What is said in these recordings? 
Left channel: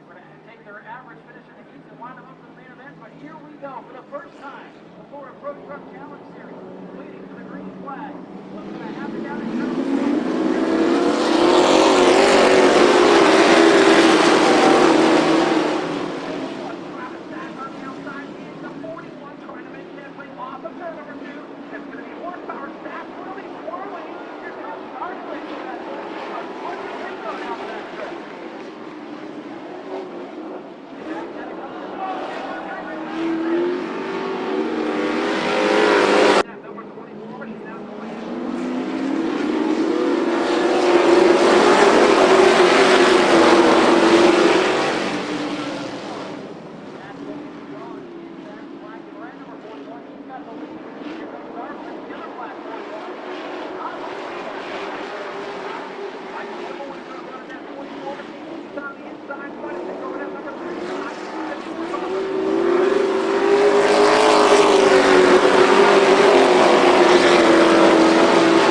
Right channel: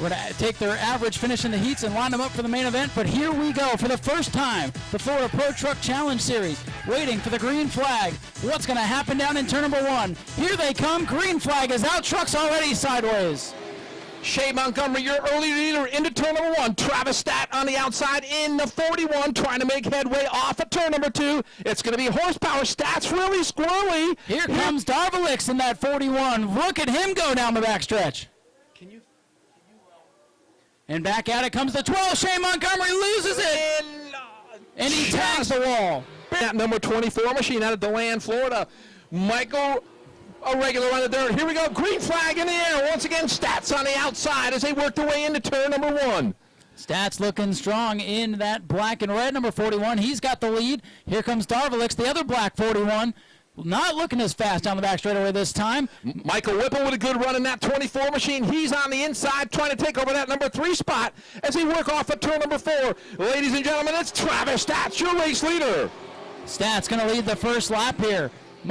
We're going to take their average finish in the heats and line them up for the main event. But here we go for the first time, the Florida Pro Truck Challenge Series, waiting for the green flag. What's going to happen down in turn number 1? Here they come. Green flag is out. Into turn number 1. Travis Stat on the outside in the 41, trying to make headway off of turn number 2. It's going to be horsepower. Stats really squirrely. Here comes Darvalix in that 41. Look at him go down the backstretch. And back at it comes the 12. Shane Montgomery loses it. And he tags the ball. That number 24 machine out of DeLand, Florida. Michael. Stats looking strong in that black and red number 41. He's got the lead. Here comes Darvalix, the other black 41. Not looking as fast down the back straightaway this time. Michael Whipple with a good run in that 24 machine. He's on the inside trying to take over that number 3 spot as he works off of turn number 4. Ladies and gentlemen,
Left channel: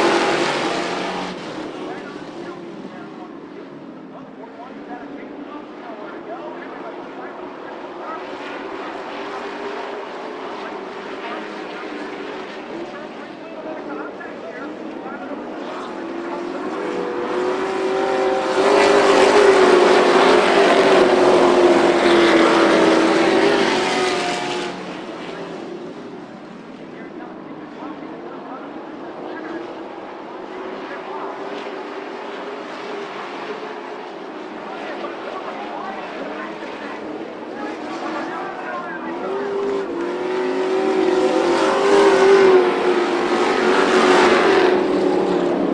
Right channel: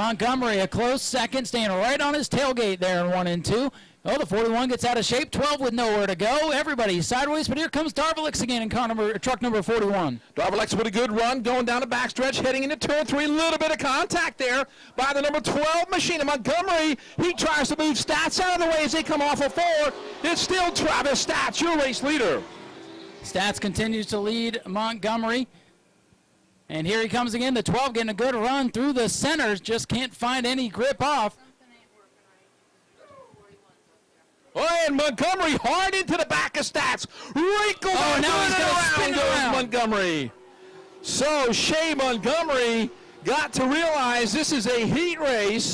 Montgomery, a close second, staying right on his tailgate there in 1 and 2. Oh, the 41 gets out of shape. 12 with nowhere to go. Everybody sideways, but here comes Darvalix again in truck number 41. Darvalix with a good run, going down the backstretch, heading into turn 3. A little bit of contact there by the number 12 machine of Montgomery. He tries to move Stats out of the way. Stats continues to lead Montgomery. And here he comes again. The 12 getting a good run through the centers. Just can't find any grip off. Oh, and Montgomery hard into the back of Stats. Wrinkle. Oh, now he's going to spin around. Montgomery. So Shane Montgomery got to realize this is a heat race.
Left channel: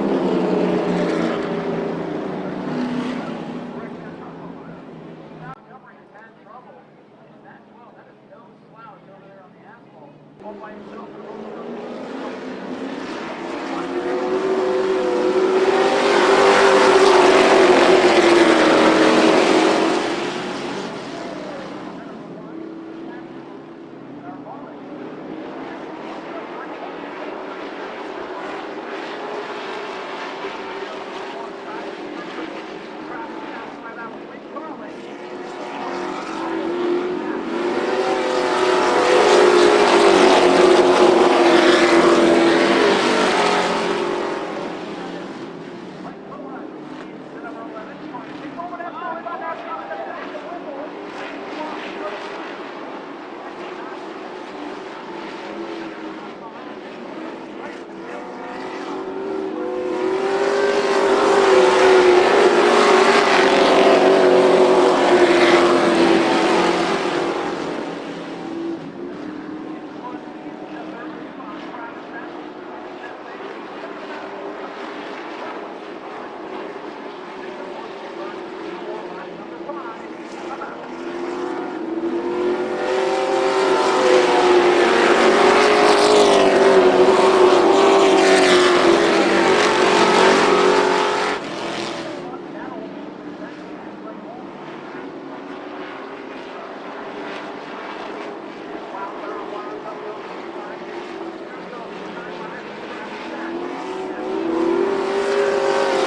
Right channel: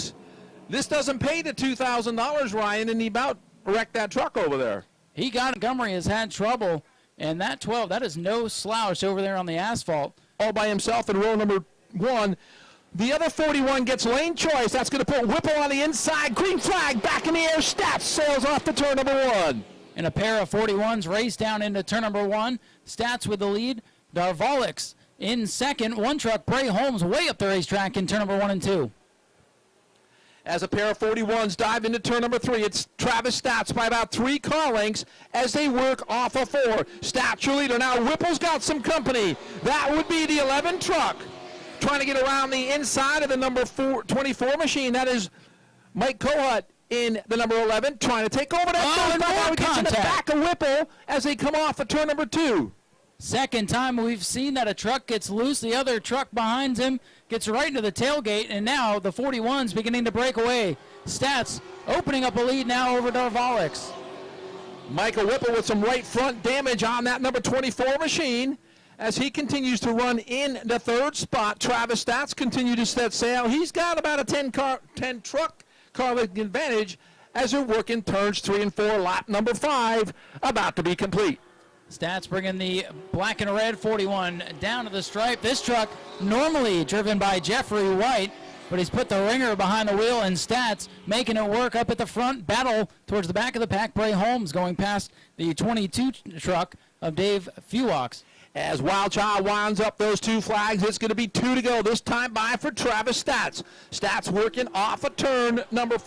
This doesn't pay the $2,000, Ryan, and he about wrecked that truck over there. He got Montgomery has had trouble, and that 12, that is no slouch over there on the asphalt. All by himself in row number 1. The other 41 gets lane choice. That's going to put Whipple on the inside. A pair of 41s race down into turn number 1. Stats with the lead. Darvalix in second. One truck, Bray Holmes, way up the racetrack in turn number 1 and 2. As a pair of 41s dive into turn number 3, it's Travis Stats by about 3 car lengths as they work off of 4. Stats your leader now. Whipple's got some company. Machine, that is Mike Kohut in the number 11, trying to take over that contact. In the back of Whipple as they come off for turn number 2. Second time we've seen that a truck gets loose, the other truck behind him gets right into the tailgate, and now the 41's beginning to break away. On that number 24 machine. As he continues to run in the 3rd spot, Travis Stats continue to set sail. He's got about a 10 truck car advantage as they're working turns 3 and 4. Lap number 5 about to be complete. Stats bringing the black and red making it work up at the front. Battle towards the back of the pack. Bray Holmes going past the 22 truck of Dave Fewaux. As Wild Child winds up those 2 flags, it's going to be 2 to go. This time by for Travis Stats. Stats working off a turn number 4.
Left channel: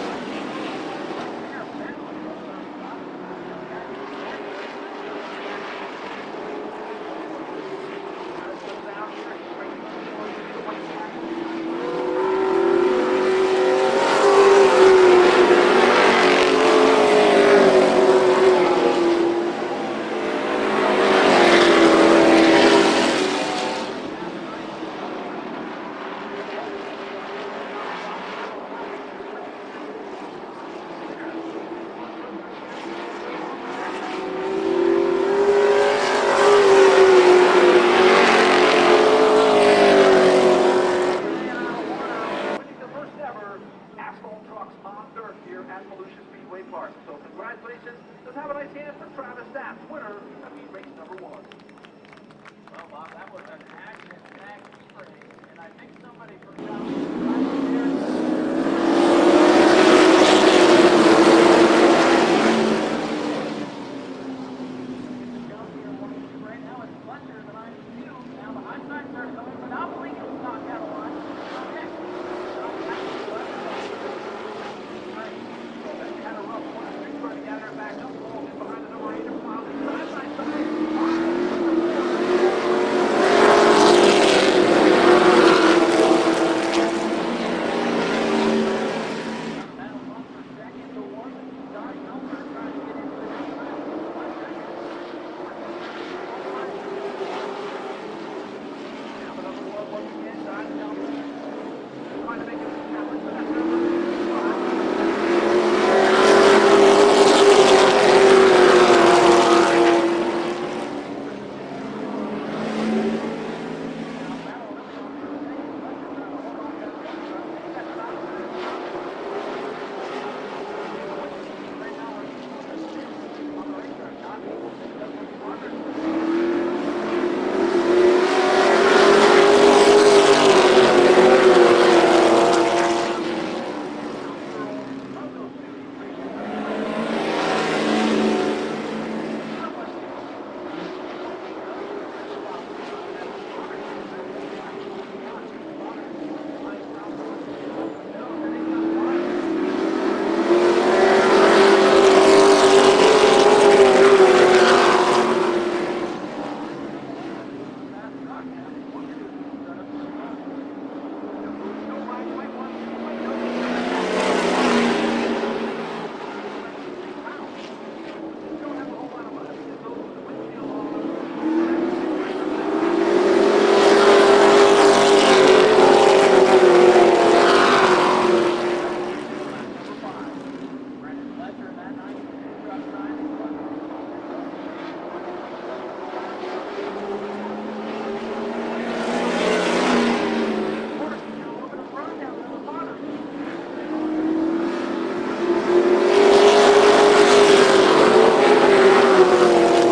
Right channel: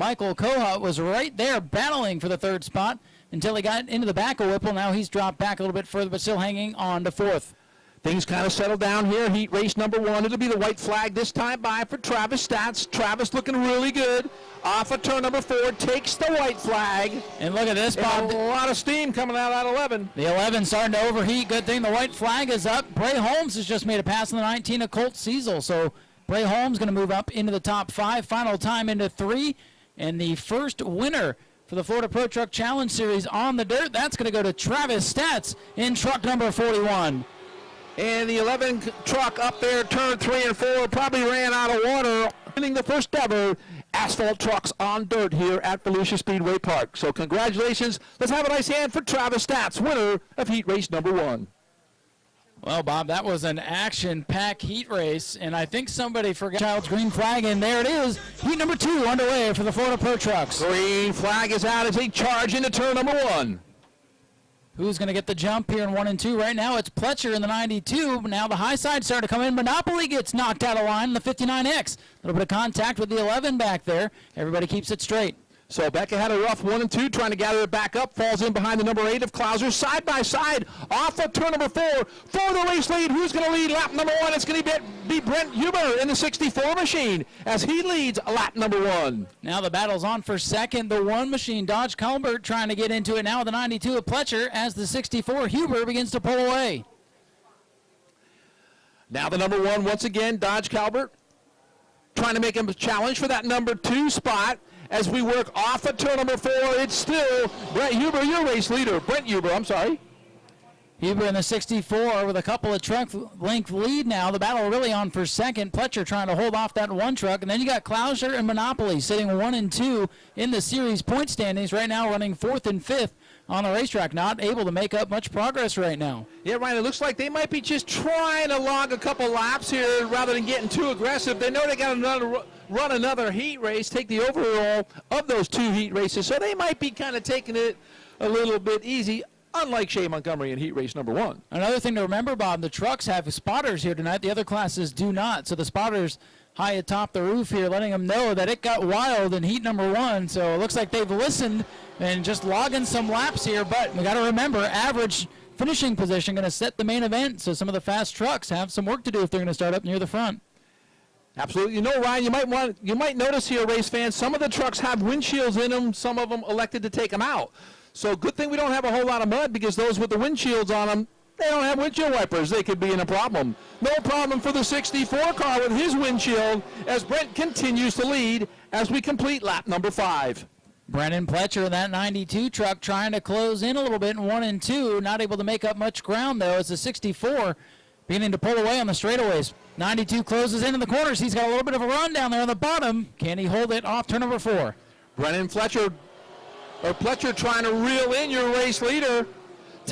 Michael Kohut was right there battling for the 3rd spot until he got into the back of Whipple. Now he's dropped back a little bit further, but still hanging on to 4th. Things kind of settle down here. Heat race number 1. It'll be the white flag this time by for Travis Stats. Travis looking really good. This one, a lot of steam coming out at 11. The 11 starting Bray Holmes has just made a pass in the 19 of Colt Cecil. So Bray Holmes going to move up into the top 5. Final time into 3. And the first winner for the Florida Pro Truck Challenge Series on the dirt, that's going to go to Travis Stats in truck number 41. Probably ran out of water, winning the first ever asphalt trucks on dirt here at Volusia Speedway Park. So congratulations. Let's have a nice hand for Travis Stats, winner of heat race number 1. Well, Bob, that was an action-packed heat race, and I think somebody forgot Child's green flag, and there it is. Heat number 2 on the way. Who who's going to get the jump here in 1 and 2. Right now it's Pletcher in the 92. Now the high side started to come in. Monopoly gets knocked out of line in the 59X. A little bit of contact with the 11 back there. Everybody keeps it straight. So Becca had a rough 1 and 2, trying to gather it back up. Falls in behind the number 8 of Clouser. Side by side, off of turn number 4. Full release lead. The 64 machine as he leads lap number 1. Now the battle's on for second. The 1 machine, Dodge Colbert, trying to get into it now with the 92 of Pletcher as the 64 Huber begins to pull away. Now the number 1 once again, Dodge Colbert, trying to make him a challenge for that number 2 spot as we work off the turn. Huber in the 64 with a couple of truck length lead now. The battle really on for second. Pletcher trying to hold off that 1 truck. And then you got Clouser and Monopoly sitting 1 and 2 in the series point standings right now, running 4th and 5th on the racetrack. Not able to make up much progress right now. Yeah, right. It looks like they might be just trying to run another heat race, take the overall of those 2 heat races. So they might be kind of taking it a little bit easy, unlike Shea Montgomery in heat race number 1. Another thing to remember, Bob, the trucks have spotters here tonight. The other classes do not. So the spotters high atop the roof here, letting them know that it got wild in heat number 1. So it looks like they're listening. Finishing position going to set the main event. So some of the fast trucks have some work to do if they're going to start up near the front. Absolutely. You know, Ryan, you might notice here, race fans, some of the trucks have windshields in them. Some of them elected to take them out. So good thing we don't have a whole lot of mud, because those with the windshields on them, they don't have windshield wipers. They could be in a problem. As we complete lap number 5. Brennan Pletcher in that 92 truck trying to close in a little bit in 1 and 2. Not able to make up much ground, though, as the 64 beginning to pull away on the straightaways. 92 closes into the corners. He's got a little bit of a run down there on the bottom. Can he hold it off turn number 4? Brennan Pletcher.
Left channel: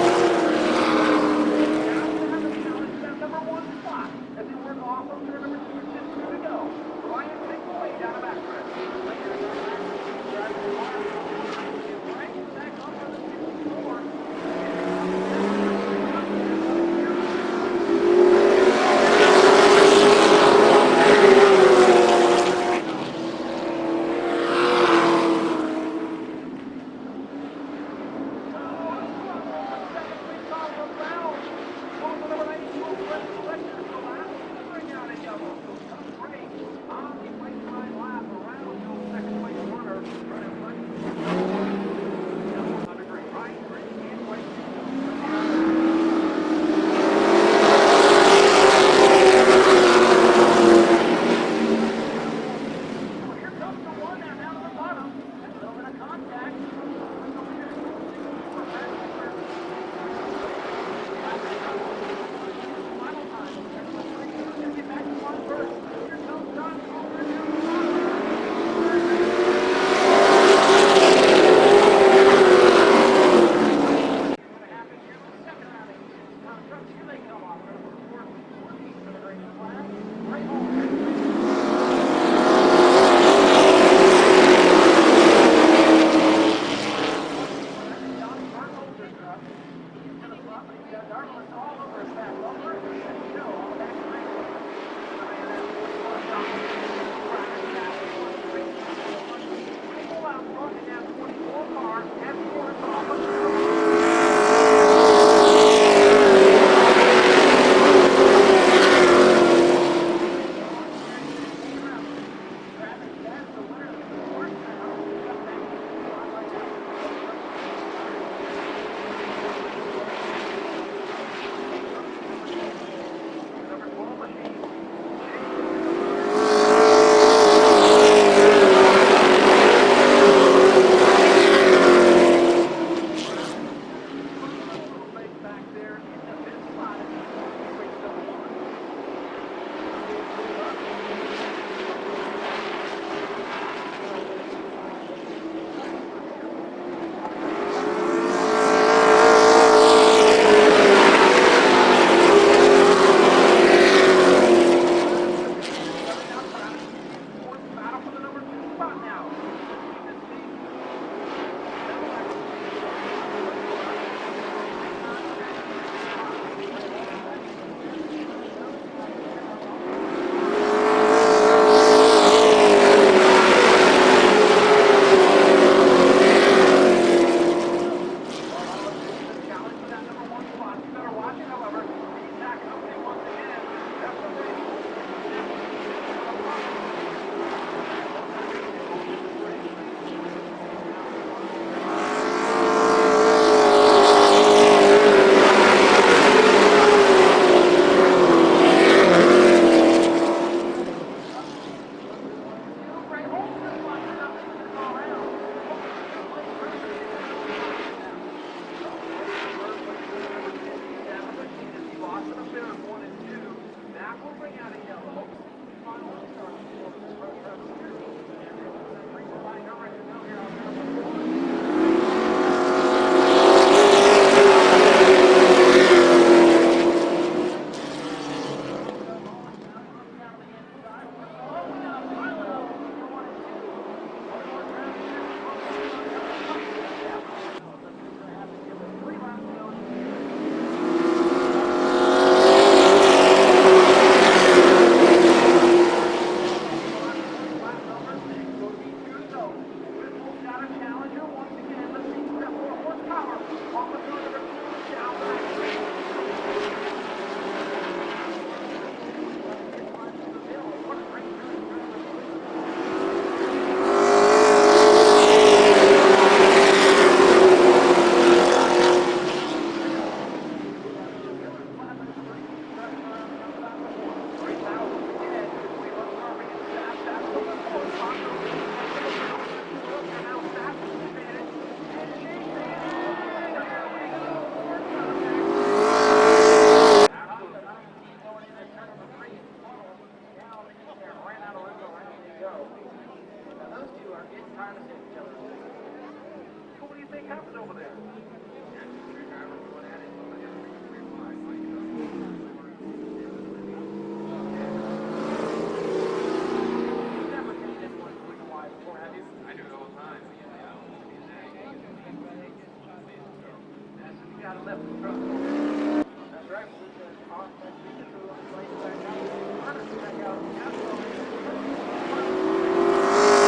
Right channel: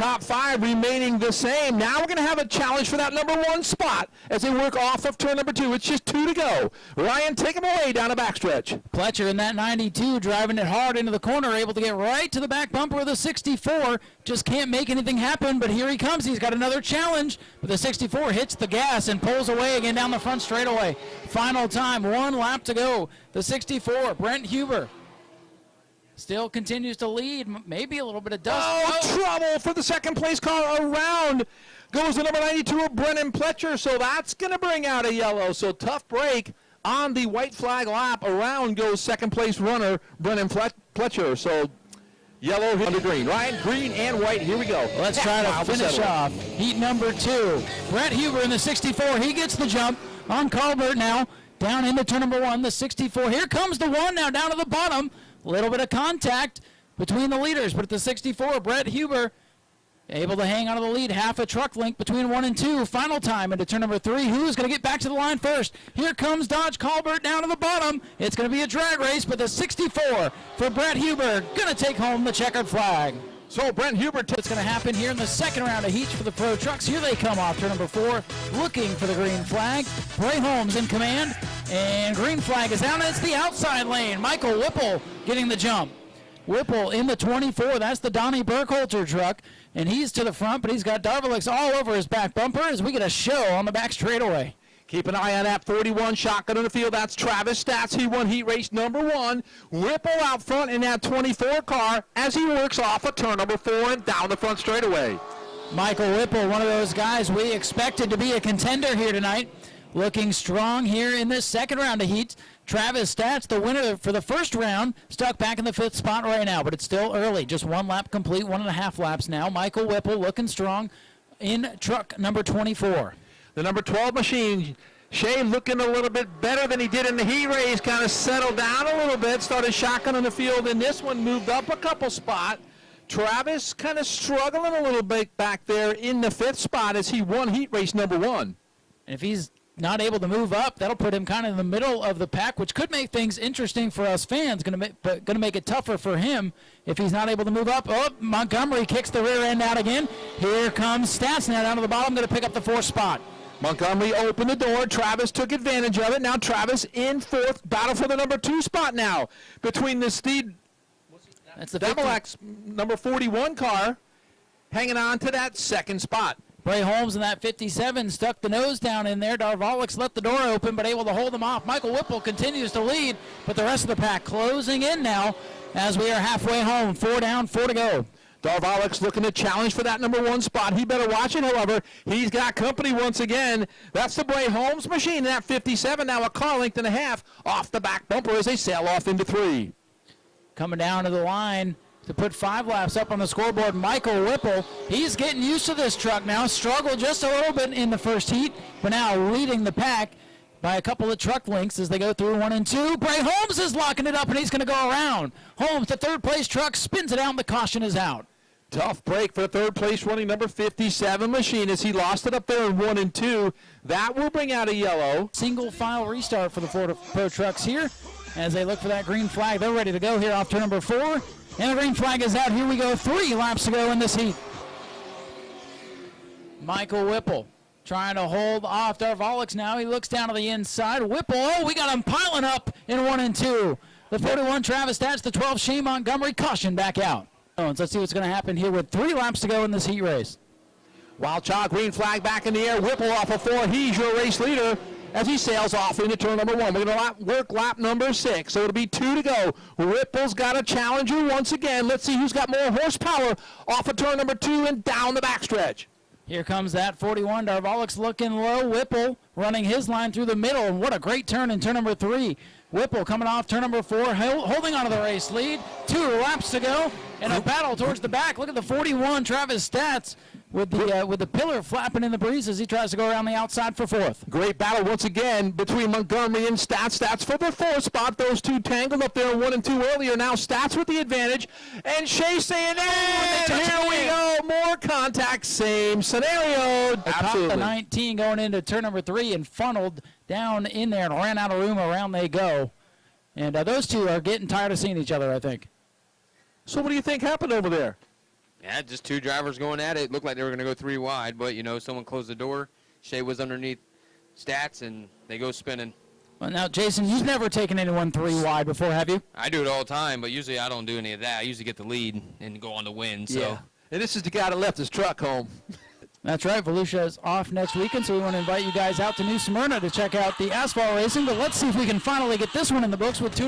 Top 5 remaining the same. Now we're going to have a challenge for that number 1 spot as they work off of turn number 2. It's just 2 to go. Ryan, take him away down the backstretch. Pletcher in that 92 driving it hard into the corner, able to get right to the back bumper of the 64. Just can't make anything happen, but here he comes. He's got another challenge. The 64 hits the gas and goes away. Final time, 1 lap to go. The 64, Brent Huber, still continues to lead. Maybe a little bit of dust. Oh, trouble for the second place car. Around goes the number 92 of Brennan Pletcher, so that's going to bring out a yellow. So tough break on the white flag lap. Around goes second place runner Brennan Pletcher. So yellow under green. Ryan, green and white. Here we go. Let's try to finish off heat number 2. Now down into turn number 1, the 64. Here comes the 1 now down to the bottom. A little bit of contact between the leaders, but at the 64, Brett Huber able to hang on to the lead. Half a truck length between 1 and 2. Final time into turn number 3. Who's going to get back to the line first? Here comes Dodge Colbert down to the bottom. It's going to be a drag race with the 64. It's going to happen here in the second round of heats for the pro trucks. Here they come off turn number 4, looking for the green flag. Bray Holmes in command, and green flag is out. In the 24, that's the Donnie Burkholzer truck, and he's to the front, but he's got Darvelix all over his back bumper as we get a show on the back straightaway. Keep an eye on that 41 shotgun in the field. That's Travis Stats. He won heat race number 1. Ripple out front in that 24 car as he works off of turn number 4 and down the looking strong here in this second round of heat. Travis Stats, the winner for the first round, stuck back in the 5th spot right now, but it's still early. Just 1 lap complete, 1.5 laps now. Michael Whipple looking strong in truck number 24. The number 12 machine, Shea looking a little bit better than he did in the heat race. Travis kind of struggling a little bit back there in the 5th spot as he won heat race number 1. If he's not able to move up, that'll put him kind of in the middle of the pack, which could make things interesting for us fans, but going to make it tougher for him if he's not able to move up. Oh, Montgomery kicks the Travis took advantage of it. Now Travis in 4th, battle for the number 2 spot now between the Steed, it's the Devil X number 41 car hanging on to that second spot. Bray Holmes in that 57 stuck the nose down in there. Darvalics let the door open, but able to hold him out. 3 down, 4 to go. Darvalics looking to challenge for that number 1 spot. He better watch it, however. He's got company once again. That's the Bray Holmes machine in that 57. Now a car length and a half off the back bumper as they sail off into 3. Coming down to the line to put 5 laps up on the scoreboard. He's getting by a couple of truck lengths as they go through 1 and 2. Bray Holmes is locking it up, and he's going to go around. Holmes, the third place truck, spins it out, and the caution is out. Tough break for third place running number 57 machine as he lost it up there in 1 and 2. That will bring out a yellow. Single file restart for the Florida Pro Trucks here as they look for that green flag. They're ready to go here off turn number 4. And the green flag is out. Here we go. 3 laps. Michael Whipple trying to hold off Darvalics now. He looks down to the inside. Whipple, oh, we got him piling up in 1 and 2. The 41 Travis Stats, the 12 Shane Montgomery, caution back out. Let's see what's going to happen here with 3 laps to go in this heat race. Wild Child green flag back in. He sails off into turn number 1. They're going to work lap number 6, so it'll be 2 to go. Whipple's got a challenger once again. Let's see who's got more horsepower off of turn number 2 and down the backstretch. Here comes that 41. Darvalics looking low. Whipple running his line through the middle. And what a great turn in turn number 3. Whipple coming off turn number 4. 41 Travis Stats with the pillar flapping in the breeze as he tries to go around the outside for 4th. Great battle once again between Montgomery and Stats. Stats for the 4th spot. Those two tangled up there in 1 and 2 earlier. Now Stats with the advantage. And Shea saying, hey, here we go. More contact. Same scenario. Absolutely. The 19 going into turn number 3 and funneled down in there and ran out of room. Around they go. And those two are getting tired of seeing each other, I think. So what do you think happened over there? Yeah, just 2 drivers going at it. Looked like they were going to go 3 wide, but, you know, someone closed the door. Shea was underneath Stats, and they go spinning. Well, now, Jason, you've never taken anyone 3 wide before, have you? I do it all the time, but usually I don't do any of that. I usually get the lead and go on to win. So. Yeah. And this is the guy that left his truck home. That's right. Volusia is off next weekend, so we want to invite you guys out to New Smyrna to check out the asphalt racing. But let's see if we can finally get this one in the books with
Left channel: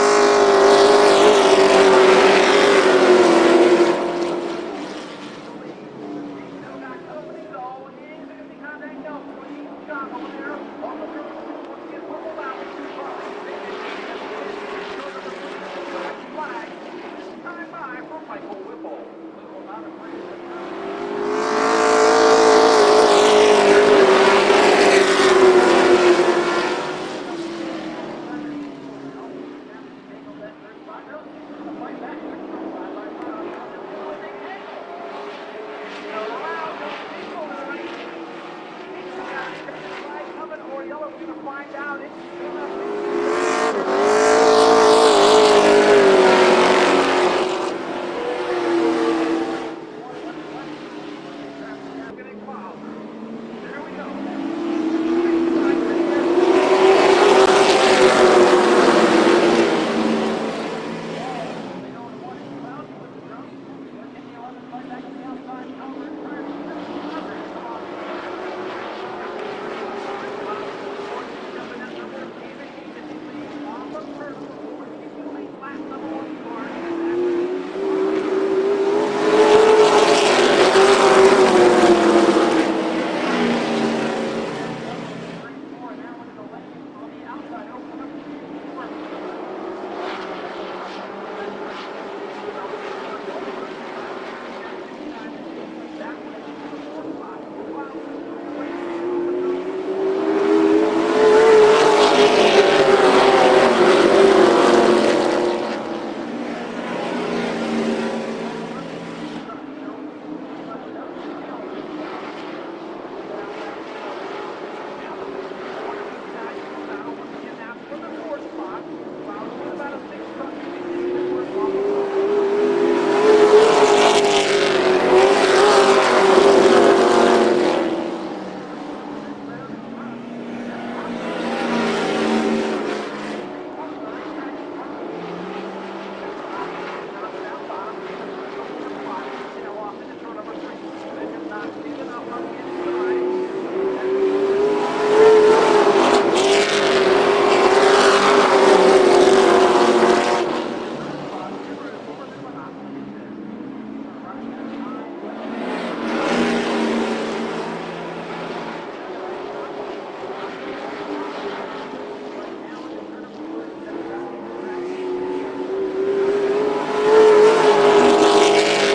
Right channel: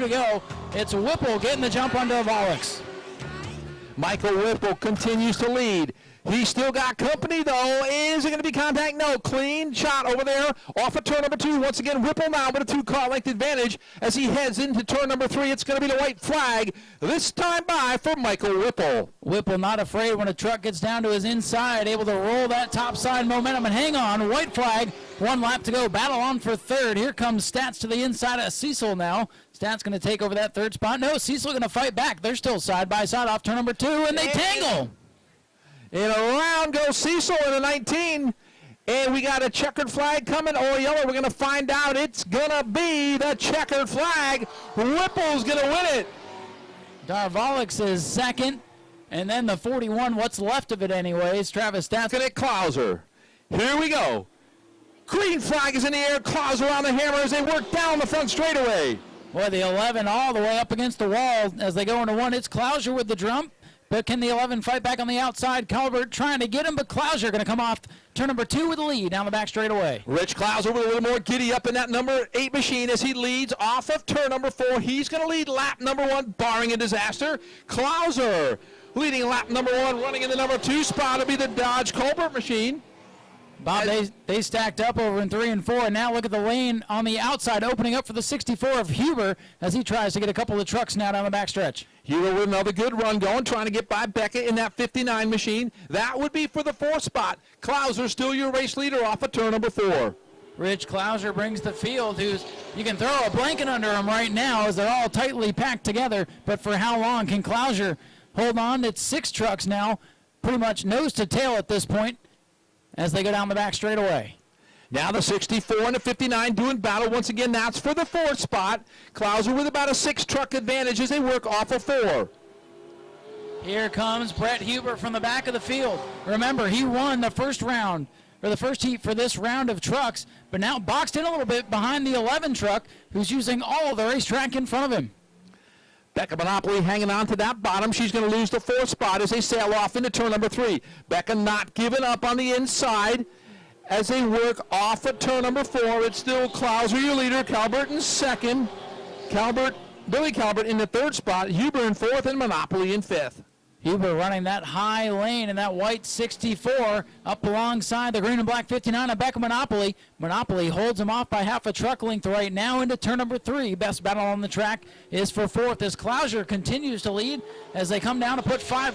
2 Michael Whipple continues to lead. He's still got company, though. Is it going to be contact? No. Clean shot over there off of turn number 2. Once again, Whipple now with a 2-car length advantage as he heads into turn number 3. It's going to be the white flag. This time by for Michael Whipple. Whipple not afraid when a truck gets down to his inside. Here comes Stats to the inside of Cecil now. Stats going to take over that 3rd spot. No, Cecil going to fight back. They're still side by side off turn number 2, and they tangle. And around goes Cecil in the 19. And we got a checkered flag coming or yellow. We're going to find out. It's going to be the checkered flag. Darvalics is 2nd. And then the 41, what's left of it anyways. Travis Stats. Look at Klauser. Here we go. Green flag is in the air. Klauser on the and the 11 all the way up against the wall as they go into 1. It's Klauser with the drum. But can the 11 fight back on the outside? Calvert trying to get him, but Klauser going to come off turn number 2 with the lead down the back straightaway. Rich Klauser with a little more giddy up in that number 8 machine as he leads off of turn number 4. He's going to lead lap number 1, barring a disaster. Klauser leading lap number 1. They stacked up over in 3 and 4, and now look at the lane on the outside opening up for the 64 of Huber as he tries to get a couple of trucks now down the backstretch. Huber with another good run going, trying to get by Beckett in that 59 machine. That would be for the 4th spot. Klauser still your race leader off of turn number 4. Rich Klauser tightly packed together, but for how long can Klauser hold on? It's 6 trucks now, pretty much nose to tail at this point, as they go down the back straightaway. Now the 64 and the 59 doing battle. Once again, that's for the 4th spot. Klauser with about a 6-truck advantage as they work off of 4. For the first heat for this round of trucks, but now boxed in a little bit behind the 11 truck, who's using all of the racetrack in front of him. Becca Monopoly hanging on to that bottom. She's going to lose the 4th spot as they sail off into turn number 3. Becca not giving up on the inside as they work off of turn number 4. In the 3rd spot, Huber in 4th and Monopoly in 5th. Huber running that high lane in that white 64 up alongside the green and black 59 of Beck Monopoly. Monopoly holds him off by half a truck length right now into turn number 3. Best battle on the track is for 4th as Klauser continues to lead as they come down to the flat.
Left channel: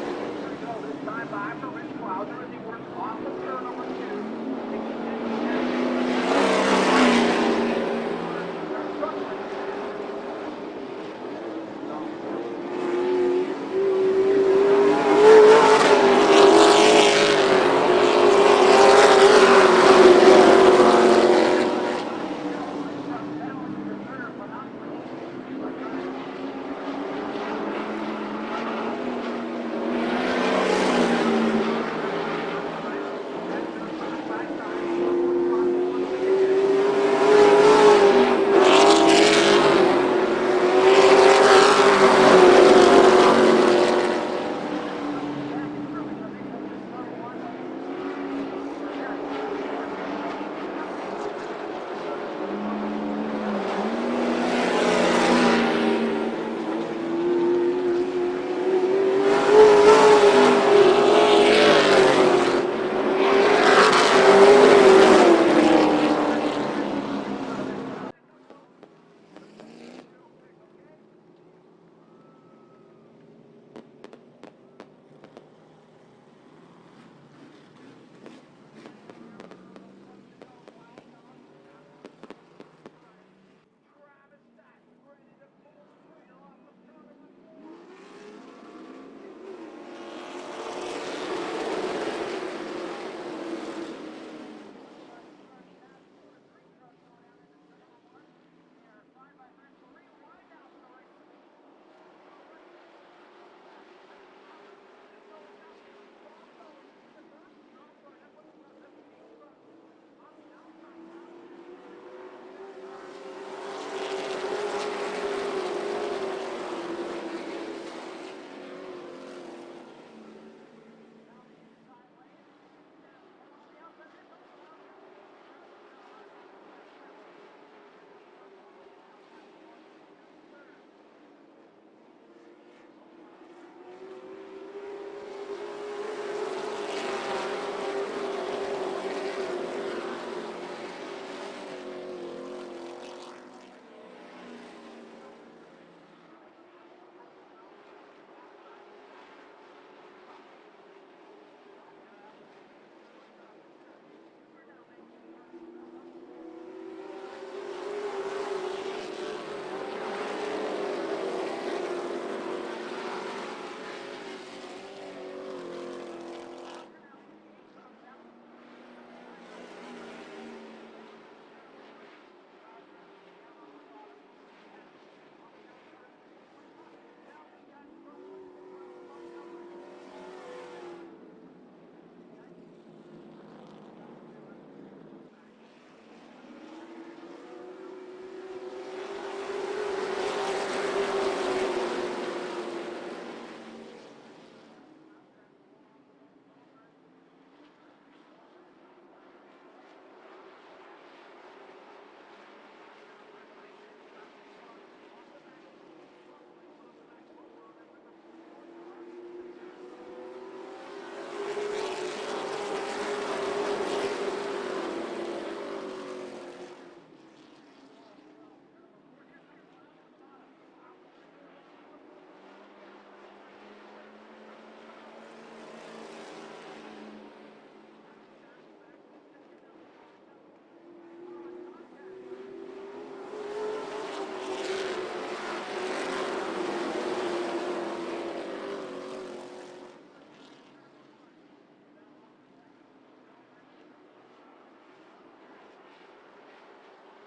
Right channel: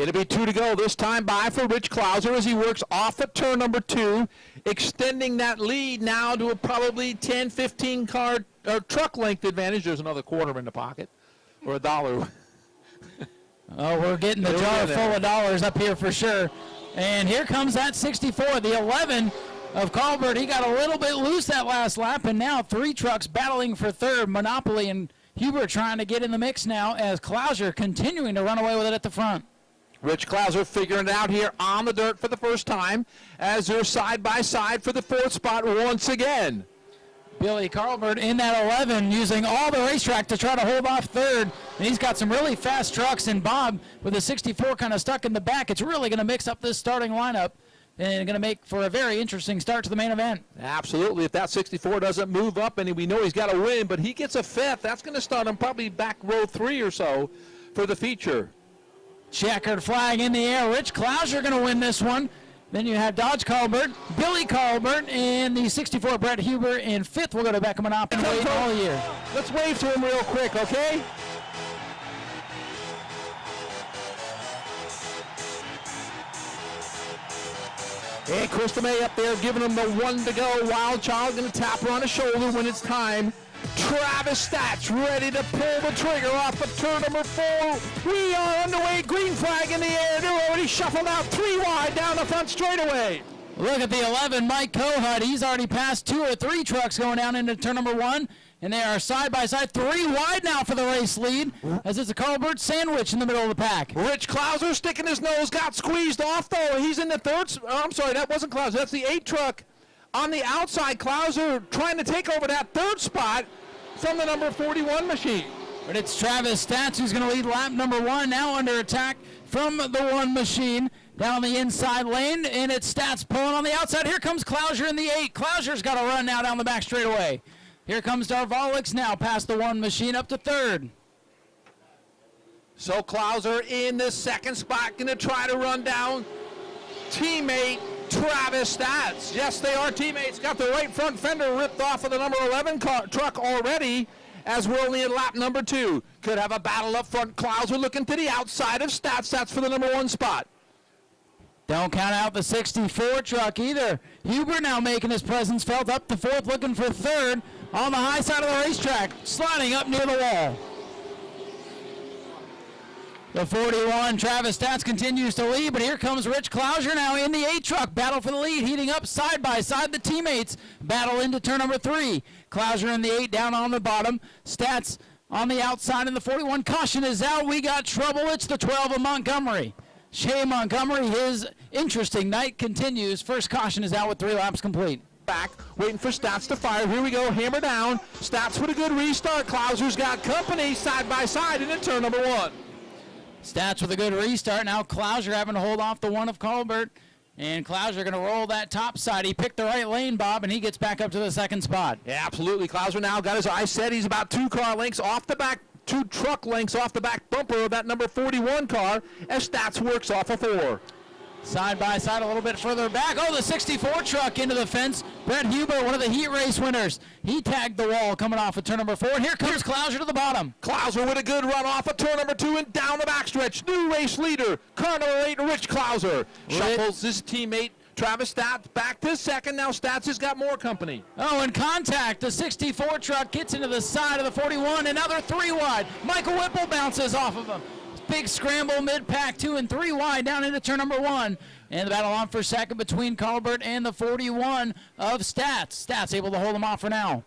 It'll be 2 to go. This time by for Rich Klauser as he works off at turn number 2, extending that lead now to probably 10-15 car truck length advantage. There's another quarter in the pocket for $1. Oh, we're getting the jar full of dollars up here for sure. And here comes that 64. Lose that last lap, and now 3 trucks battling for 3rd. Monopoly and Huber trying to get in the mix now as Klauser continuing to run away with it at the front. Rich Klauser figuring it out here on the dirt for the first time as they're side by side for the 4th spot once again. In that 11, using all the racetrack to try to hold off the lead. He's got some really fast trucks in the bottom, and the 64 kind of stuck in the back. It's really going to mix up this starting lineup and going to make for a very interesting start to the main event. Absolutely. If that 64 doesn't move up, and we know he's got to win, but he gets a 5th. That's probably back row 3 or so for the feature. Checker flying in the air. Rich Klauser going to win this one. Then you have Dodge Car, and the 64 Brett Huber in 5th. We'll go to Beckham and Opp and wait all year. Let's wave to him real quick, okay? Hey, Krista May up there giving him the 1 to go. Wild Child going to tap her on the shoulder when it's time. Travis Stats ready to pull the trigger off of turn number 4. We are underway. Green flag in the air. They're already shuffled out 3 wide down the front straightaway. Look at the 11, Mike Kohut. He's already passed 2 or 3 trucks going down into turn number 1. And they are side by side, 3 wide now for the race lead, as it's a Carlbert sandwich in the middle of the pack. Rich Klauser sticking his nose, got squeezed off though. He's in the 3rd. I'm sorry, that wasn't Klauser. That's the 8 truck on the outside. Klauser trying to take over that 3rd spot from the number 41 machine. But it's Travis Stats who's going to lead lap number 1, now under attack from the 1 machine. Down the inside lane, and it's Stats pulling on the outside. Here comes Klauser in the 8. Klauser's got to run now down the back straightaway. Here comes Darvalix now past the 1 machine up to 3rd. So Klauser in the 2nd spot, going to try to run down teammate Travis Stats. Yes, they are teammates. Got the right front fender ripped off of the number 11 truck already as we're only in lap number 2. Could have a battle up front. Klauser looking to the outside of Stats. That's for the number 1 spot. Don't count out the 64 truck either. Huber now making his presence felt up to 4th, looking for 3rd on the high side of the racetrack, sliding up near the wall. The 41, Travis Stats continues to lead, but here comes Rich Klauser now in the 8 truck. Battle for the lead, heating up side by side. The teammates battle into turn number 3. Klauser in the 8 down on the bottom. Stats on the outside in the 41. Caution is out. We got trouble. It's the 12 of Montgomery. Shea Montgomery, his interesting night continues. First caution is out with 3 laps complete. Back, waiting for Stats to fire. Here we go, hammer down. Stats with a good restart. Klauser's got company side by side into turn number 1. Stats with a good restart. Now Klauser having to hold off the 1 of Colbert. And Klauser going to roll that top side. He picked the right lane, Bob, and he gets back up to the 2nd spot. Yeah, absolutely. Klauser now got his eyes set. He's about 2 car lengths off the back. 2 truck lengths off the back bumper of that number 41 car as Stats works off of 4. Side by side a little bit further back. Oh, the 64 truck into the fence. Brett Huber, one of the heat race winners. He tagged the wall coming off of turn number 4. And here comes Klauser to the bottom. Klauser with a good run off of turn number 2 and down the backstretch. New race leader, car number 8, Rich Klauser. Shuffles his teammate Travis Stats back to 2nd. Now Stats has got more company. Oh, in contact, the 64 truck gets into the side of the 41. Another 3 wide. Michael Whipple bounces off of him. Big scramble mid-pack, 2 and 3 wide down into turn number 1. And the battle on for 2nd between Colbert and the 41 of Stats. Stats able to hold him off for now.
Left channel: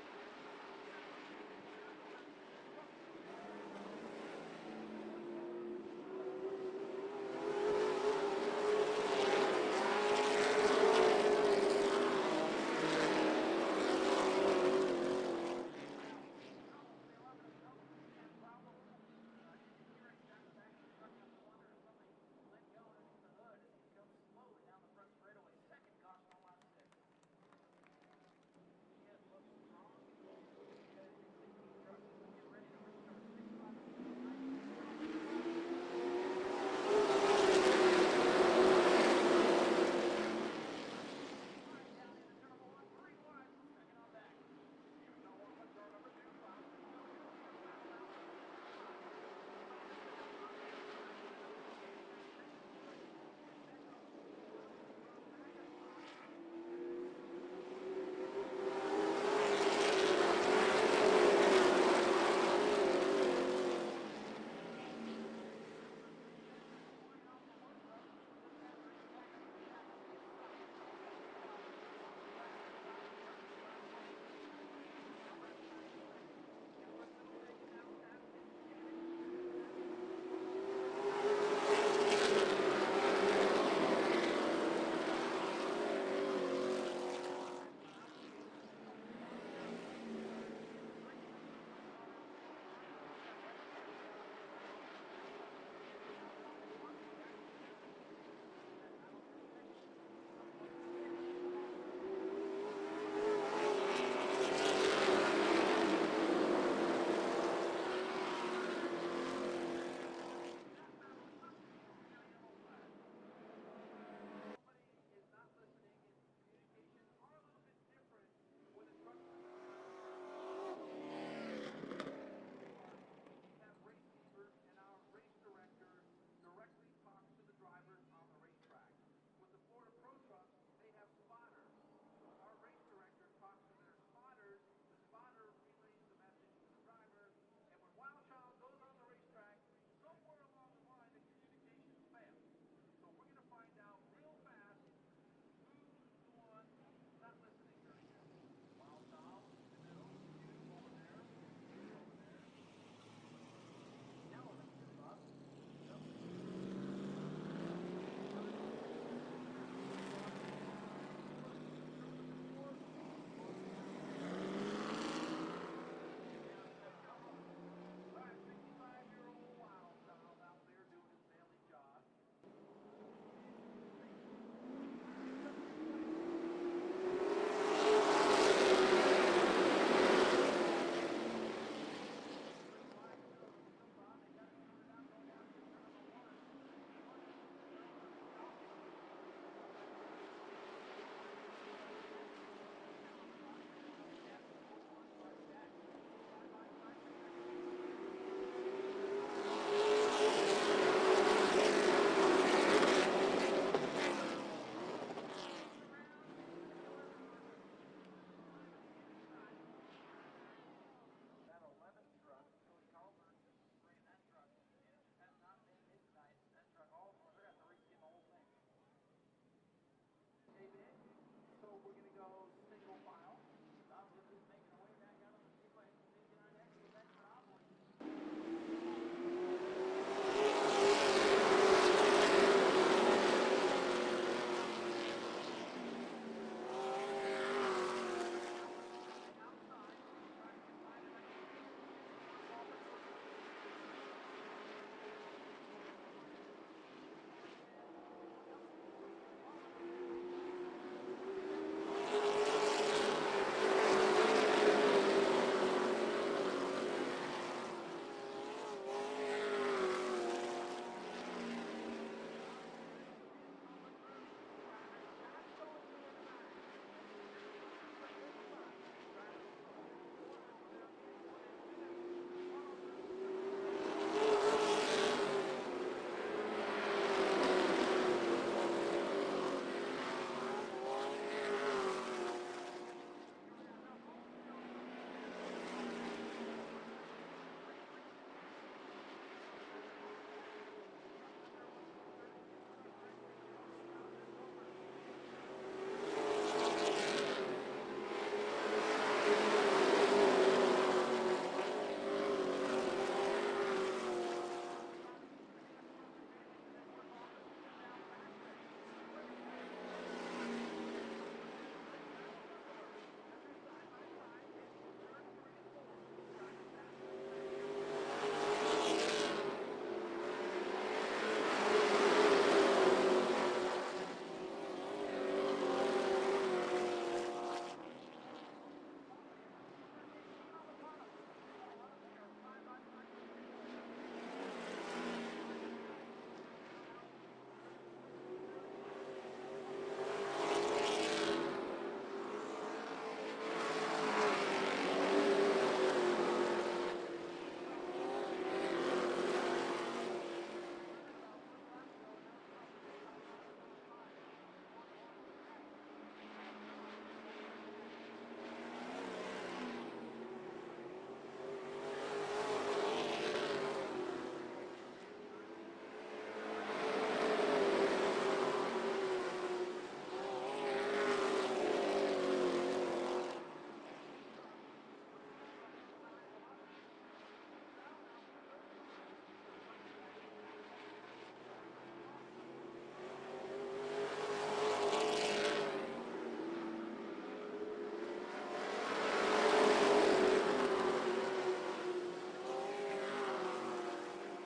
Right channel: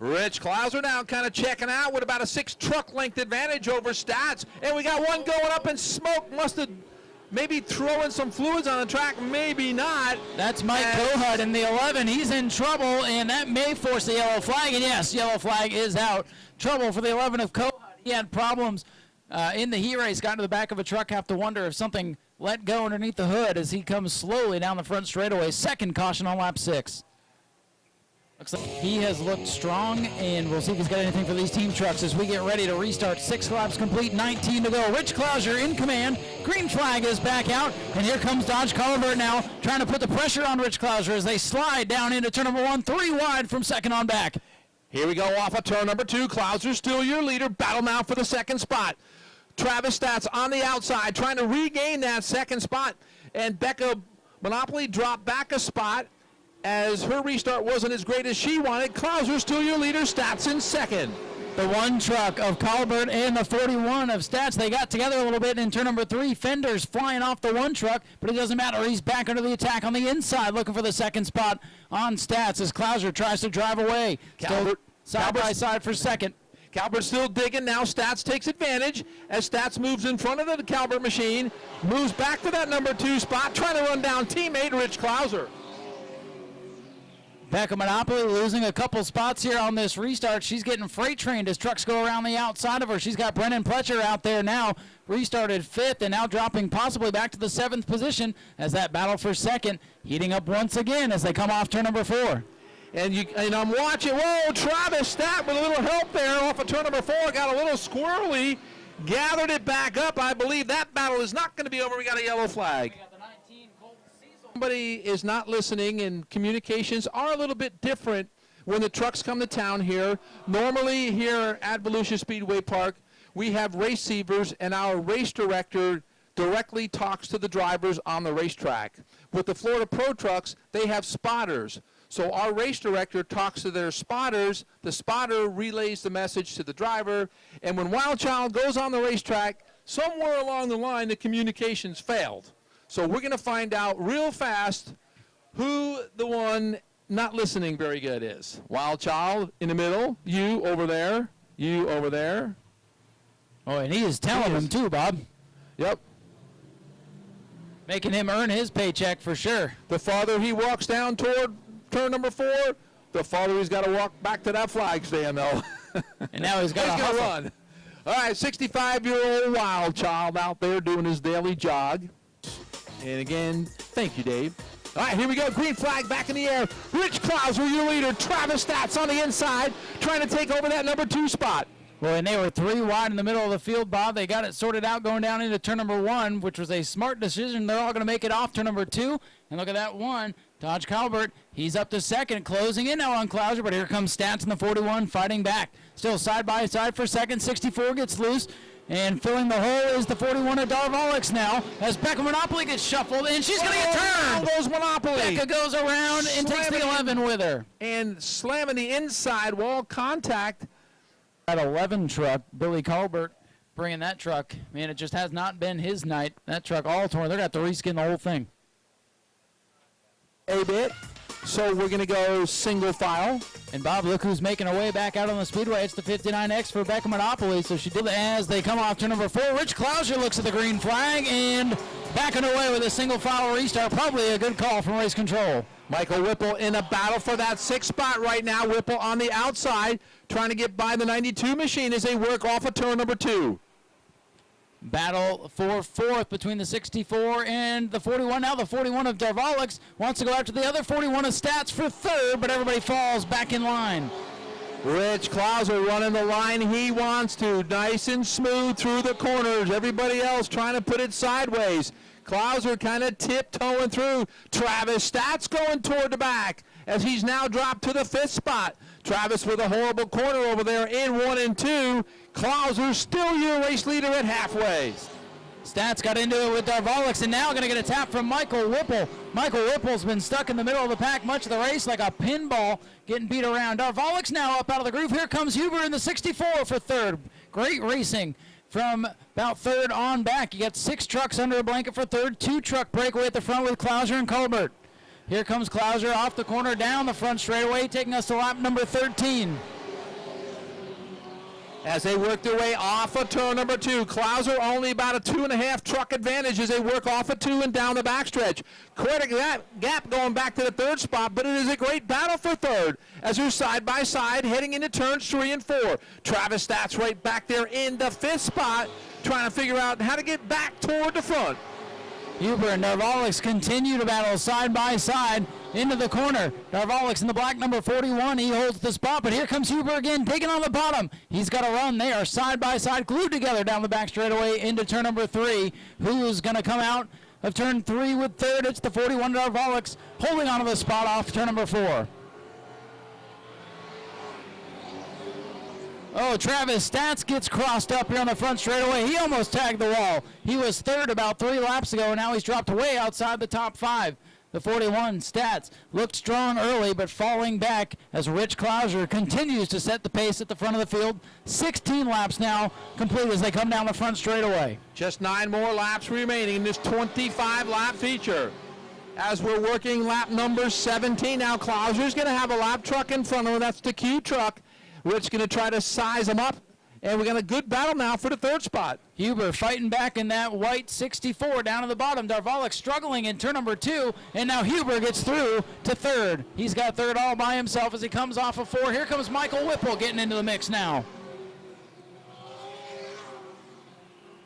Rich Klauser now kind of checking out with about a 6 truck length advantage over Stats. And we got one going up in smoke. Must have maybe throwing some fluids on the track, maybe not. That's Mike Kohut in the 11. He's in trouble, and that may force the yellow flag. And yes, yellow flag is out. Trouble for the 11 of Kohut. He had problems in the heat race, got into the back of a truck. Have to wonder if something let go underneath the hood as he comes slowly down the front straightaway. Second caution on lap 6. Looks like he has looked strong, and we'll see if he's got anything for these team trucks as we get ready to restart. 6 laps complete, 19 to go. Rich Klauser in command. Green flag is back out, and here comes Dodge Collenberg now trying to put the pressure on Rich Klauser as they slide down into turn number 1, 3 wide from second on back. Here we go off of turn number 2. Klauser still your leader. Battle now for the second spot. Travis Stats on the outside trying to regain that second spot, and Becca Monopoly dropped back a spot as her restart wasn't as great as she wanted. Klauser still your leader. Stats in second. The 1 truck of Colbert and the 41 of Stats, they got together a little bit in turn number 3. Fenders flying off the 1 truck, but it doesn't matter. He's back under the attack on the inside, looking for the second spot on Stats as Klauser tries to drive away. Calvert Side by side for second. Calvert still digging. Now Stats takes advantage as Stats moves in front of the Calvert machine, moves back to that number 2 spot, trying to run down teammate Rich Klauser. Becca Monopoly losing a couple spots here on this restart. She's getting freight trained as trucks go around the outside of her. She's got Brennan Pletcher out there now, restarted 5th and now dropping possibly back to the 7th position as that battle for second heating up once again as they come off turn number 4. And I'm watching, whoa, Travis Stat with a little help there off of turn number 4, got a little squirrely, gathered it back up. I believe that battle is not going to be over. We got a yellow flag. Somebody is not listening, and communications are a little bit different when the trucks come to town here. Normally here at Volusia Speedway Park, we have receivers, and our race director directly talks to the drivers on the racetrack. With the Florida Pro Trucks, they have spotters. So our race director talks to their spotters, the spotter relays the message to the driver, and when Wild Child goes on the racetrack, somewhere along the line the communications failed. So we're going to find out real fast who the one not listening very good is. Wild Child in the middle, you over there, you over there. Oh, and he is telling him too, Bob. Yep. Making him earn his paycheck for sure. The farther he walks down toward turn number 4, the farther he's got to walk back to that flag stand, though. And now he's got to run. All right, 65-year-old Wild Child out there doing his daily jog. And again, thank you, Dave. All right, here we go. Green flag back in the air. Rich Klauser, your leader. Travis Stats on the inside, trying to take over that number 2 spot. Well, and they were 3 wide in the middle of the field, Bob. They got it sorted out going down into turn number 1, which was a smart decision. They're all going to make it off turn number 2. And look at that one. Dodge Colbert, he's up to second, closing in now on Klauser, but here comes Stats in the 41 fighting back. Still side by side for second. 64 gets loose. And filling the hole is the 41 of Darvallix now as Becca Monopoly gets shuffled, and she's going to get turned. Goes Monopoly. Becca goes around and takes the 11 with her. And slamming the inside wall contact. That 11 truck, Billy Colbert bringing that truck. Man, it just has not been his night. That truck all torn. They're going to have to reskin the whole thing. A bit. So we're going to go single file. And Bob, look who's making her way back out on the speedway. It's the 59X for Becca Monopoly. So she did as they come off to number 4. Rich Klauser looks at the green flag and backing away with a single file restart. Probably a good call from race control. Michael Whipple in a battle for that 6th spot right now. Whipple on the outside trying to get by the 92 machine as they work off of turn number 2. Battle for 4th between the 64 and the 41. Now the 41 of Darvallix wants to go after the other 41 of Stats for 3rd, but everybody falls back in line. Rich Klauser running the line he wants to. Nice and smooth through the corners. Everybody else trying to put it sideways. Klauser kind of tiptoeing through. Travis Stats going toward the back as he's now dropped to the 5th spot. Travis with a horrible corner over there in 1 and 2. Klauser still your race leader at halfway. Stats got into it with Darvallix and now going to get a tap from Michael Whipple. Michael Whipple's been stuck in the middle of the pack much of the race like a pinball getting beat around. Darvallix now up out of the groove. Here comes Huber in the 64 for 3rd. Great racing from about 3rd on back. You got 6 trucks under a blanket for 3rd. 2 truck breakaway at the front with Klauser and Colbert. Here comes Klauser off the corner down the front straightaway, taking us to lap number 13. as they work their way off of turn number 2. Klauser only about a 2.5 truck advantage as they work off of 2 and down the backstretch. Quite a gap going back to the 3rd spot, but it is a great battle for 3rd as they're side by side heading into turns 3 and 4. Travis Stats right back there in the 5th spot, trying to figure out how to get back toward the front. Huber and Darvalics continue to battle side by side into the corner. Darvalics in the black number 41. He holds the spot, but here comes Huber again, taking on the bottom. He's got to run. They are side by side, glued together down the back straightaway into turn number 3. Who's going to come out of turn 3 with 3rd? It's the 41 Darvalics holding onto the spot off turn number 4. Oh, Travis Stats gets crossed up here on the front straightaway. He almost tagged the wall. He was 3rd about 3 laps ago, and now he's dropped way outside the top 5. The 41 Stats looked strong early, but falling back as Rich Klauser continues to set the pace at the front of the field. 16 laps now complete as they come down the front straightaway. Just 9 more laps remaining in this 25-lap feature. As we're working lap number 17 now, Klauser's going to have a lap truck in front of him. That's the Q truck. Rich going to try to size him up, and we got a good battle now for the 3rd spot. Huber fighting back in that white 64 down at the bottom. Darvalic struggling in turn number 2, and now Huber gets through to 3rd. He's got 3rd all by himself as he comes off of 4. Here comes Michael Whipple getting into the mix now.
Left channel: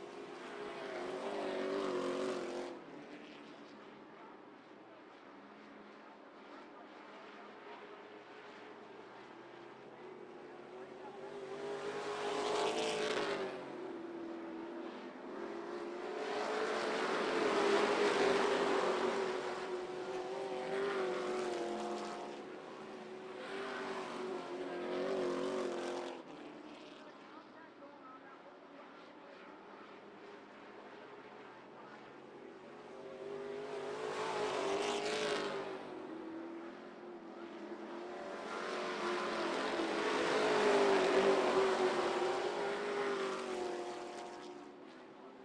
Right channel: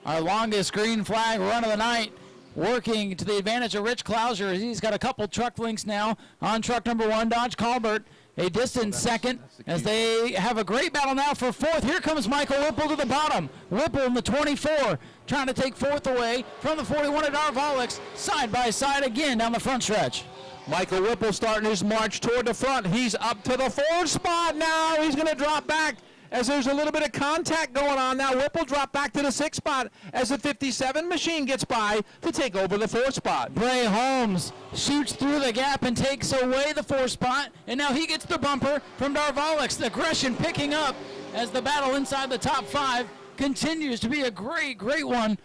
Our longest green flag run of the night, working to the advantage of Rich Klauser. He's got a couple truck links now on truck number 1, Dodge Colbert. A distant second as they have a great battle now for 4th. Here comes Michael Whipple to the bottom. Whipple in the 24 trying to take 4th away from the 41 at Darvalics. Side by side again down the front stretch. Michael Whipple starting his march toward the front. He's up to the 4th spot now. He's going to drop back as there's a little bit of contact going on now. Whipple dropped back to the 6th spot as the 57 machine gets by to take over the 4th spot. Bray Holmes shoots through the gap and takes away the 4th spot, and now he gets the bumper from Darvalics. The aggression picking up as the battle inside the top 5 continues to be a great one.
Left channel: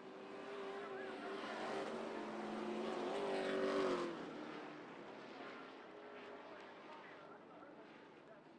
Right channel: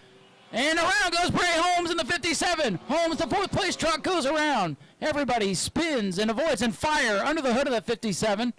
And around goes Bray Holmes in the 57. Holmes, the 4th place truck, goes around. Everybody spins and avoids, and fire under the hood of the 57.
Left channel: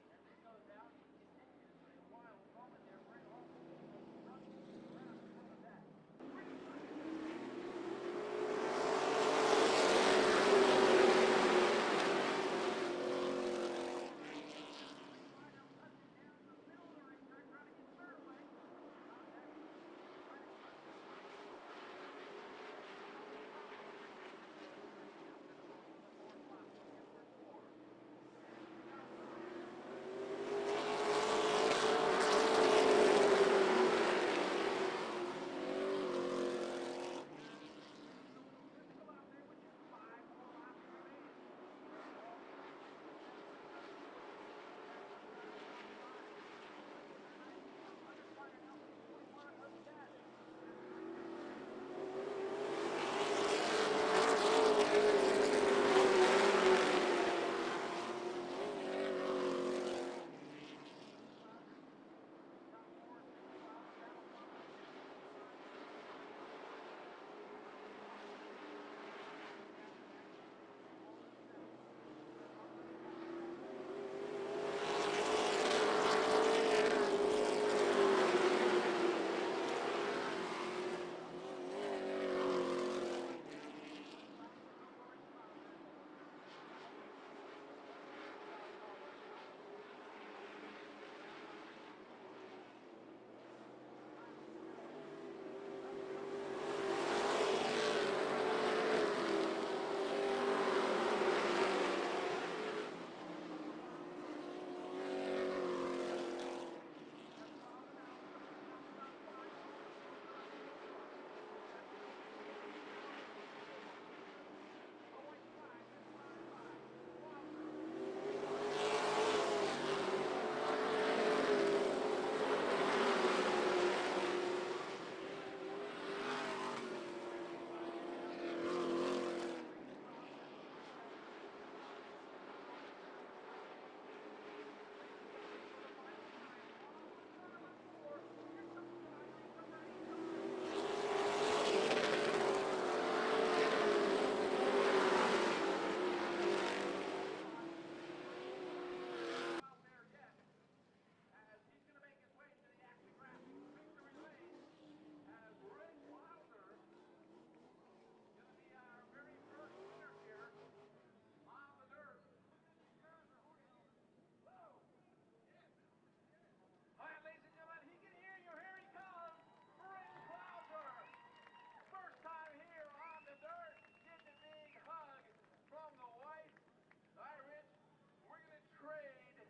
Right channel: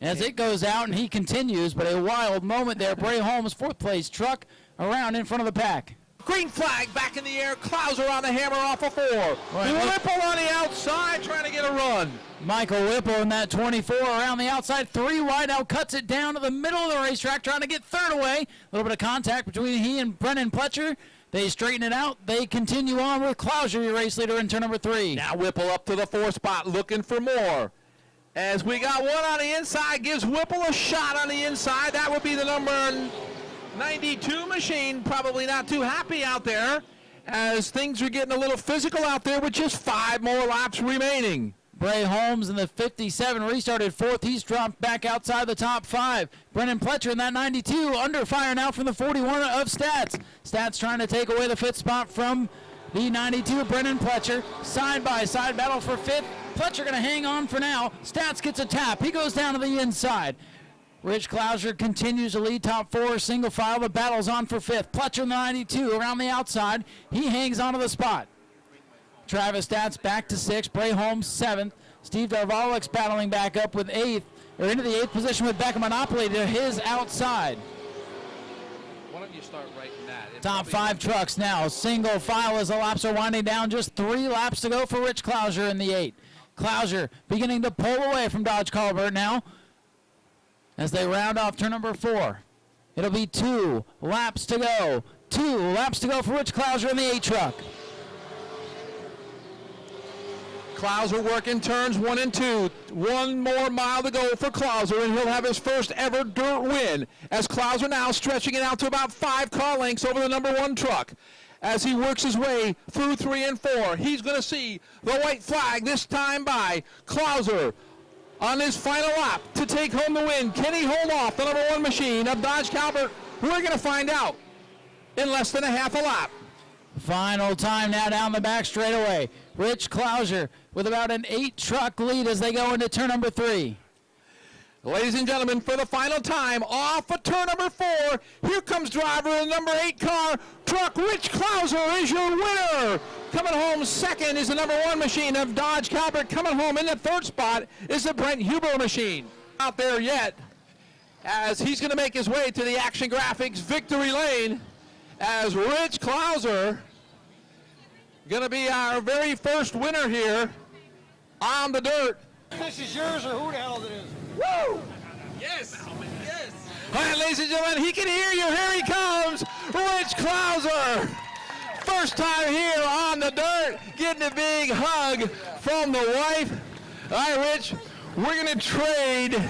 As it goes out, and he continues, but a wild moment there. Bray Holmes, 4th place truck, around in front of the pack. Green flag back in the air. Klauser on the hammer off of 4. Whipple on the outside trying to get a run. Michael Whipple in that 24 around the outside. 3 wide out, cuts it down to the middle of the racetrack, trying to get 3rd away. A little bit of contact between he and Brennan Pletcher. They straighten it out. They continue on with Klauser, your race leader, in turn number 3. Now Whipple up to the 4th spot, looking for more. As we got one on the inside, gives Whipple a shot on the inside. That would be the number 92 machine. Probably not too happy out there as things are getting a little physical out there with just 5 more laps remaining. Bray Holmes in the 57 restarted 4th. He's dropped back outside the top 5. Brennan Pletcher in that 92 under fire now from the 41 of Stats. Stats trying to take away the 5th spot from the 92, Brennan Pletcher. Side by side battle for 5th. Pletcher going to hang on for now. Stats gets a tap. He goes down to the inside. Rich Klauser continues to lead top 4 single file. The battle's on for 5th. Pletcher in the 92 around the outside. He hangs onto the spot. Travis Stats back to 6th. Bray Holmes 7th. Steve Darvalics battling back up with 8th. Or into the 8th position with Beckham Monopoly to his outside. Top 5 trucks now. Single file as the laps are winding down. Just 3 laps to go for Rich Klauser in the 8. Klauser beginning to pull away from Dodge Colbert now as they round off turn number 4. It'll be 2 laps to go. 2 laps to go for Rich Klauser in the 8 truck. Klauser working turns 1 and 2. 1 more mile to go for Klauser, and he'll have his first ever dirt win. As Klauser now stretching it out to about 5 car lengths over the number 1 truck. As he works his way through 3 and 4, he's going to see the white flag this time by Klauser on his final lap to take home the win. Can he hold off the number 1 machine of Dodge Colbert? We're going to find out in less than a half a lap. Final time now down the back straightaway. Rich Klauser with about an 8 truck lead as they go into turn number 3. Ladies and gentlemen, for the final time, off of turn number 4, here comes driver of the number 8 car truck. Rich Klauser is your winner. Coming home second is the number 1 machine of Dodge Colbert. Coming home in the 3rd spot is the Brent Huber machine. Out there yet. as he's going to make his way to the Action Graphics victory lane as Rich Klauser, going to be our very first winner here on the dirt. This is yours or who the hell it is? Woo! Yes. Yes. All right, ladies and gentlemen, he can hear you. Here he comes, Rich Klauser. First time here on the dirt, getting a big hug from the wife. All right, Rich, we're going to trade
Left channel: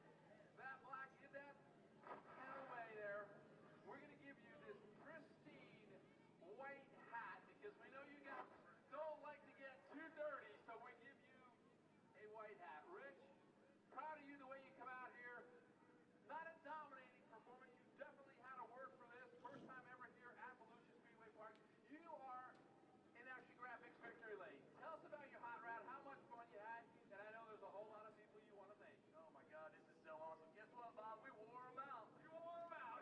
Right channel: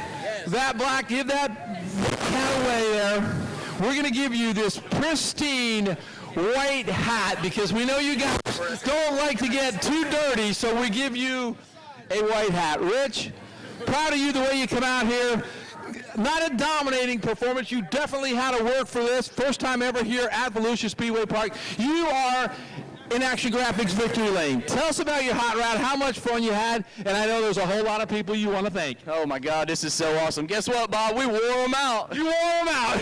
that black, give that cat away there. We're going to give you this pristine white hat because we know you guys don't like to get too dirty, so we give you a white hat. Rich, proud of you the way you come out here. Not a dominating performance. You definitely had to work for this. First time ever here at Volusia Speedway Park. You are in Action Graphics victory lane. Tell us about your hot rod, how much fun you had, and I know there's a whole lot of people you want to thank. Oh my God, this is so awesome. Guess what, Bob? We wore them out. You wore them out.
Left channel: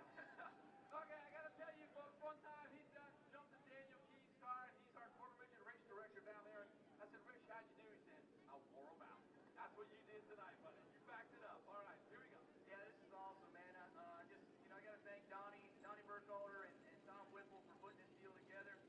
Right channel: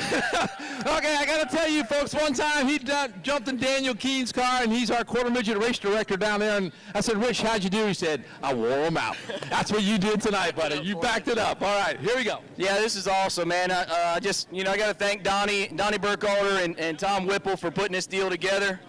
Okay, I got to tell you, folks, one time he jumped in Daniel Keene's car, and he's our quarter midget race director down there, and I said, Rich, how'd you do? He said, I wore them out. That's what you did tonight, buddy. You backed it up. All right, here we go. Yeah, this is awesome, man. I got to thank Donnie Burkhalter and Tom Whipple for putting this deal together.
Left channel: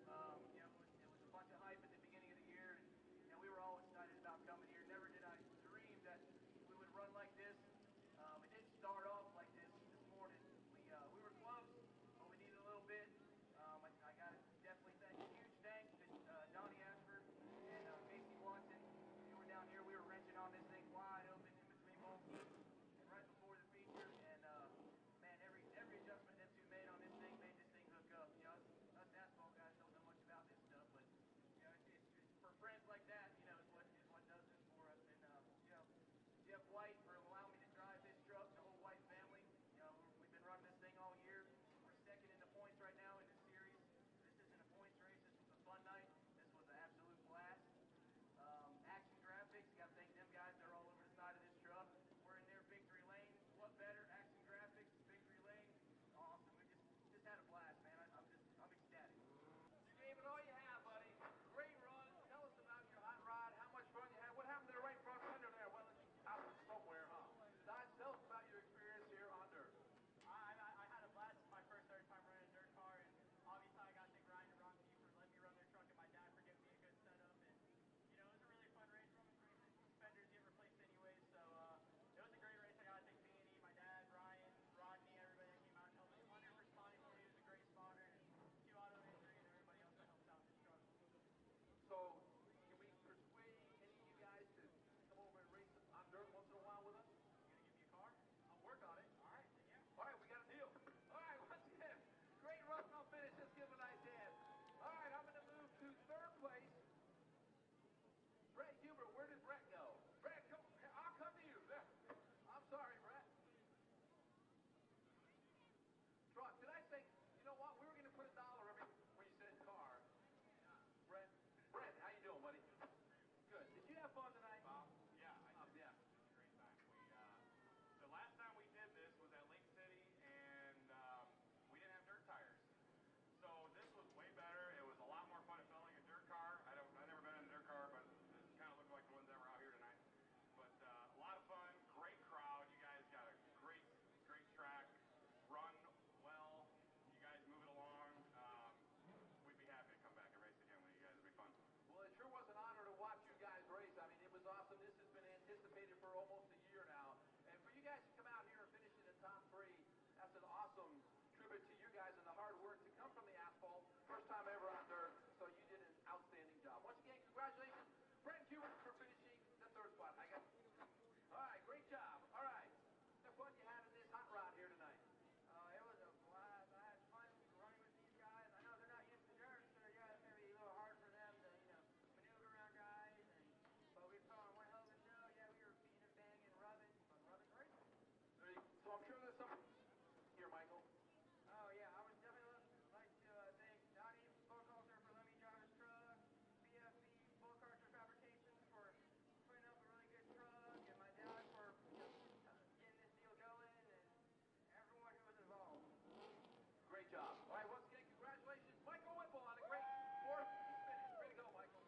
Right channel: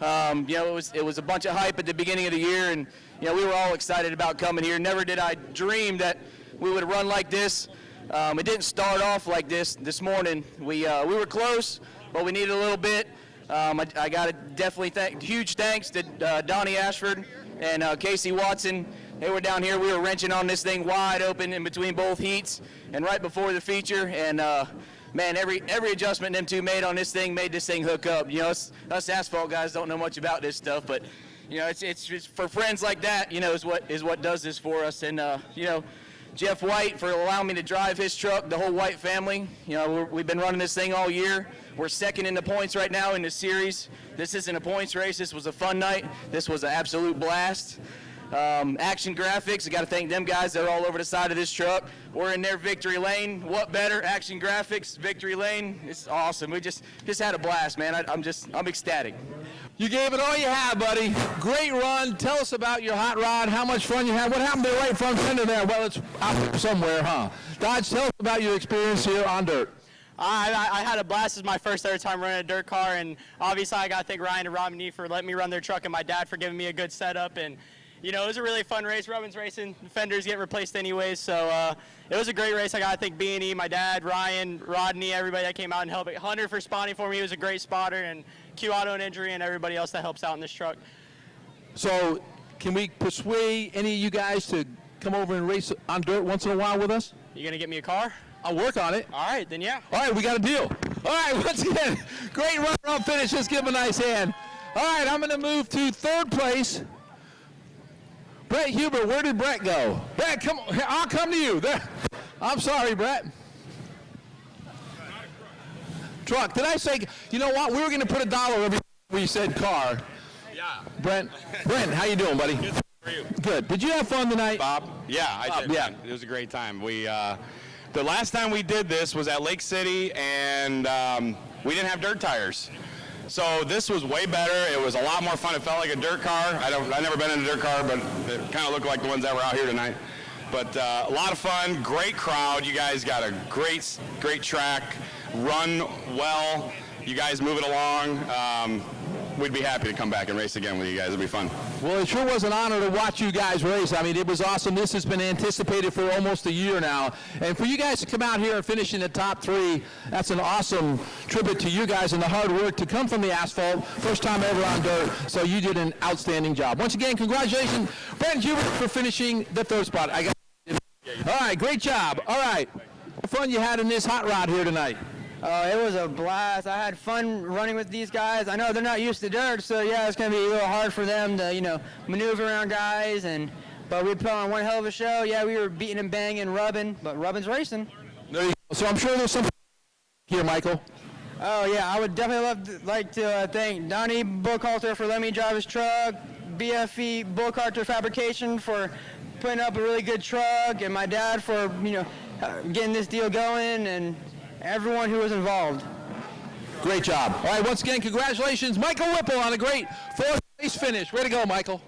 It was a bunch of hype at the beginning of the year, and we were all excited about coming here. Never did I dream that we would run like this. It didn't start off like this morning. We were close, but we needed a little bit. I got to definitely huge thanks to Donnie Ashford and Casey Watson. They were down here. We were wrenching on this thing wide open in between both heats and right before the feature, and man, every adjustment them two made on this thing made this thing hook up. Us asphalt guys don't know much about this stuff, but it's just for friends like that, is what does this for us. And Jeff White for allowing me to drive his truck, the whole White family. We've been running this thing all year. We're second in the points right now in the series. This isn't a points race. This was a fun night. This was an absolute blast. Action Graphics, I got to thank them guys. They're all over the side of this truck. We're in their victory lane. What better? Action Graphics, victory lane. It's awesome. We just had a blast, man. I'm ecstatic. You gave it all you had, buddy. Great run. Tell us about your hot rod, how much fun you had. What happened to the right front fender there? Well, it's out there somewhere, huh? Dodge, tell us about your experience here on dirt. I had a blast. This is my first ever time running a dirt car, and obviously I got to thank Ryan and Robin for letting me run their truck and my dad for giving me a good setup. And it was a really fun race. Robin's racing, fenders get replaced anyways, so it was a great race. I got to thank B&E, my dad, Ryan, Rodney, everybody that came out and helped. Hunter for spotting for me. He was a great spotter, and Q Auto and Injury and everybody else that helps out in this truck. So can we persuade any of you guys to come over and race on dirt once in a while with us? You going to get me a car? I'll work on it. All right, then yeah. All right, we got a deal. All right, once again, great run finish. Let's give him a nice hand. All right, I'm going to move to third place. Brett Huber, where did Brett go? Brett, come on. I'll come to you. There. I'm sorry, Brett. Truck. Did I say, you know what? We were going to put $1 every time we said car. Yeah. Brent, how you doing, buddy? Good. How are you? Good. Did you have fun tonight? Bob? Yeah, I did. Yeah. Man. It was a great time. The last time we did this was at Lake City, and we didn't have dirt tires. So this was way better. It was a lot more fun. It felt like a dirt car. I've never been in a dirt car, but it kind of looked like the ones that were out here tonight. But a lot of fun, great crowd. You guys got a great track, run well. You guys move it along. We'd be happy to come back and race again with you guys. It'd be fun. Well, it sure was an honor to watch you guys race. I mean, it was awesome. This has been anticipated for almost a year now. And for you guys to come out here and finish in the top 3, that's an awesome tribute to you guys and the hard work to come from the asphalt. First time ever on dirt. So you did an outstanding job. Once again, congratulations, Brent Hubert, for finishing the 3rd spot. All right, great job. All right. What fun you had in this hot rod here tonight? It was a blast. I had fun running with these guys. I know they're not used to dirt, so yeah, it's going to be a little hard for them to, maneuver around guys. But we put on one hell of a show. Yeah, we were beating and banging, rubbing, but rubbing's racing. There you go. So I'm sure there's some here, Michael. Oh yeah, I would definitely like to thank Donnie Burkhalter for letting me drive his truck, BFE Burkhalter Fabrication for putting up a really good truck, and my dad for getting this deal going, and everyone who was involved. Great job. All right, once again, congratulations, Michael Whipple, on a great 4th place finish. Way to go, Michael.